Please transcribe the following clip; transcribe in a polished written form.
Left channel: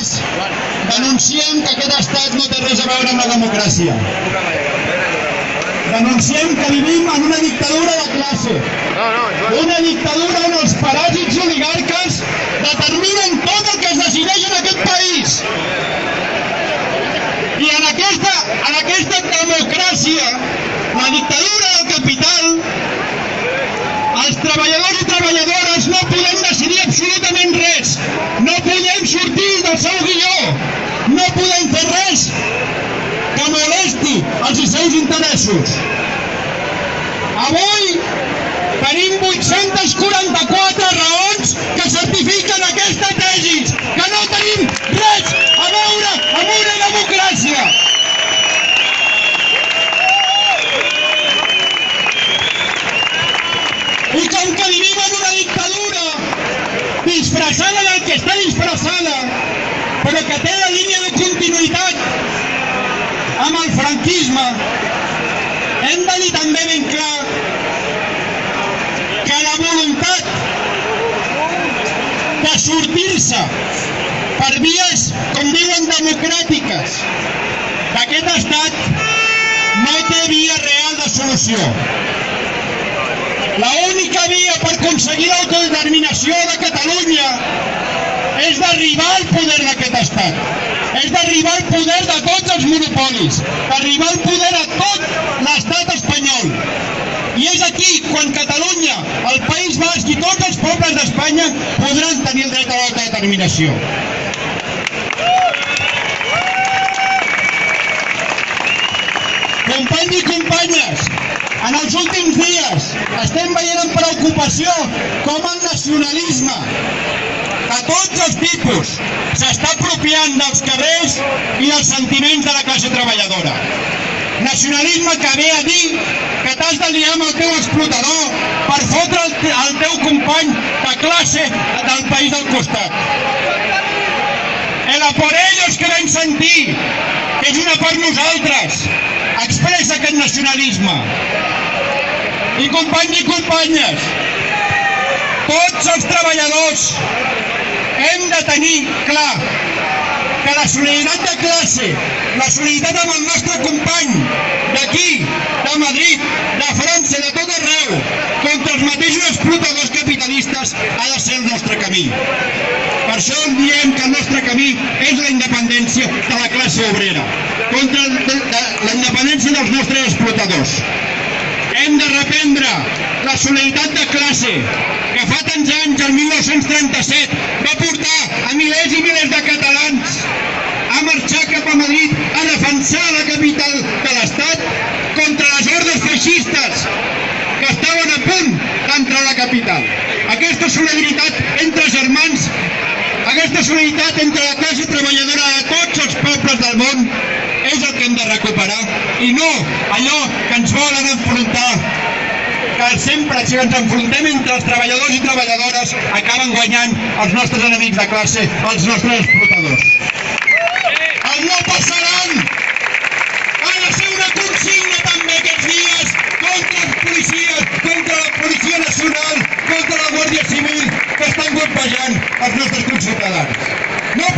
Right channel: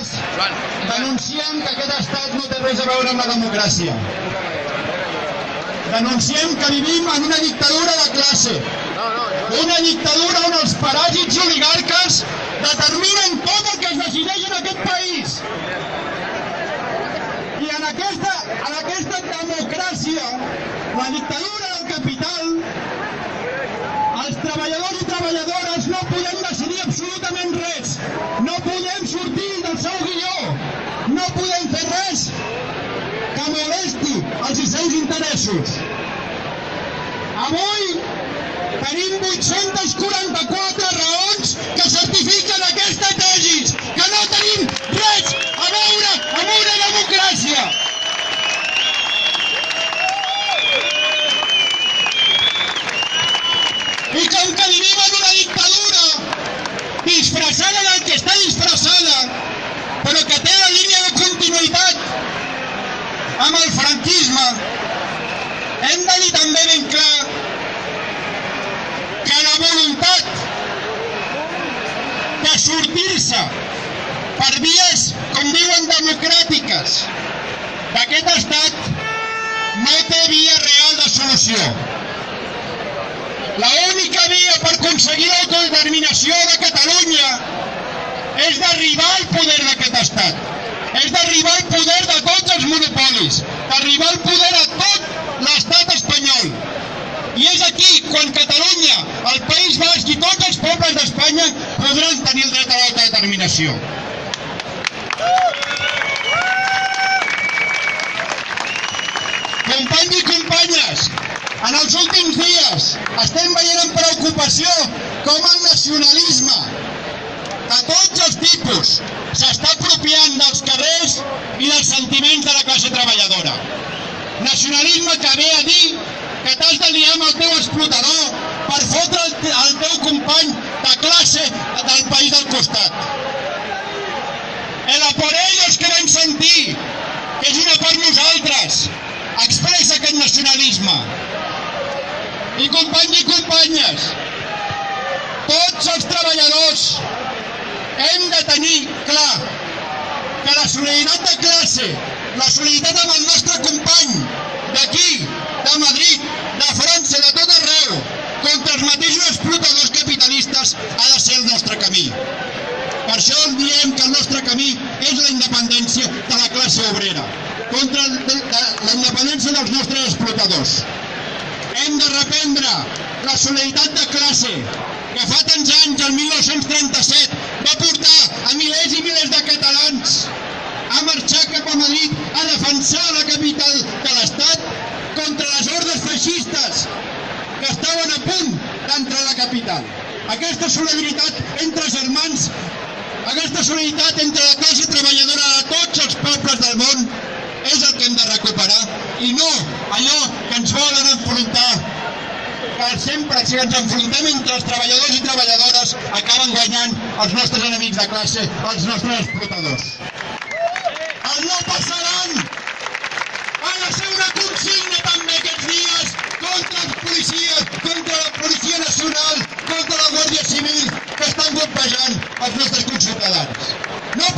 Nosaltres denunciem que aquest estat no té res a veure amb la democràcia. Denunciem que vivim en una dictadura de classe. Una dictadura on els paràsits i oligarques determinen tot el que es decideix en aquest país. I en aquesta democràcia, la dictadura del capital, els treballadors i treballadores no podem decidir absolutament res. No podem sortir del seu guió. No podem fer res que molesti els seus interessos. Avui tenim 844 raons que certifiquen aquesta tesi, que no tenim res a veure amb una democràcia. I com que vivim en una dictadura disfressada del que està disfressada, però que té la línia de continuïtat amb el franquisme, hem de dir també ben clar que la voluntat de sortir-se per vies, com diuen, democràtiques d'aquest estat no té via real de solució. L'única via per aconseguir l'autodeterminació de Catalunya és d'arribar al poder d'aquest estat, és d'arribar al poder de tots els monopolis, d'arribar al poder a tot l'estat espanyol. I és aquí quan Catalunya, el País Basc i tots els pobles d'Espanya podran tenir el dret a l'autodeterminació. Companys i companyes, en els últims dies estem veient amb preocupació com el nacionalisme de tots els tipus s'està apropiant dels carrers i dels sentiments de la classe treballadora. Nacionalisme que ve a dir que t'has de liar amb el teu explotador per fotre el teu company de classe del país del costat. El a por ellos que vam sentir, que és una per nosaltres, expressa aquest nacionalisme. I companys i companyes, tots els treballadors hem de tenir clar que la solidaritat de classe, la solidaritat amb el nostre company d'aquí, de Madrid, de França, de tot arreu, contra els mateixos explotadors capitalistes ha de ser el nostre camí. Per això diem que el nostre camí és la independència de la classe obrera, contra la independència dels nostres explotadors. Hem de reprendre la solidaritat de classe que fa tants anys, el 1937, va portar a milers i milers de catalans a marxar cap a Madrid a defensar la capital de l'Estat contra les hordes feixistes que estaven a punt d'entrar a la capital. Aquesta solidaritat entre germans, aquesta solidaritat entre la classe treballadora de tots els pobles del món és el que hem de recuperar i no allò que ens volen enfrontar, que sempre si ens enfrontem entre els treballadors i treballadores acaben guanyant els nostres enemics de classe, els nostres explotadors. El no passaran ha de ser una consigna també aquests dies contra els policies, contra la Policia Nacional, contra la Guàrdia Civil que estan golpejant els nostres conciutadans. No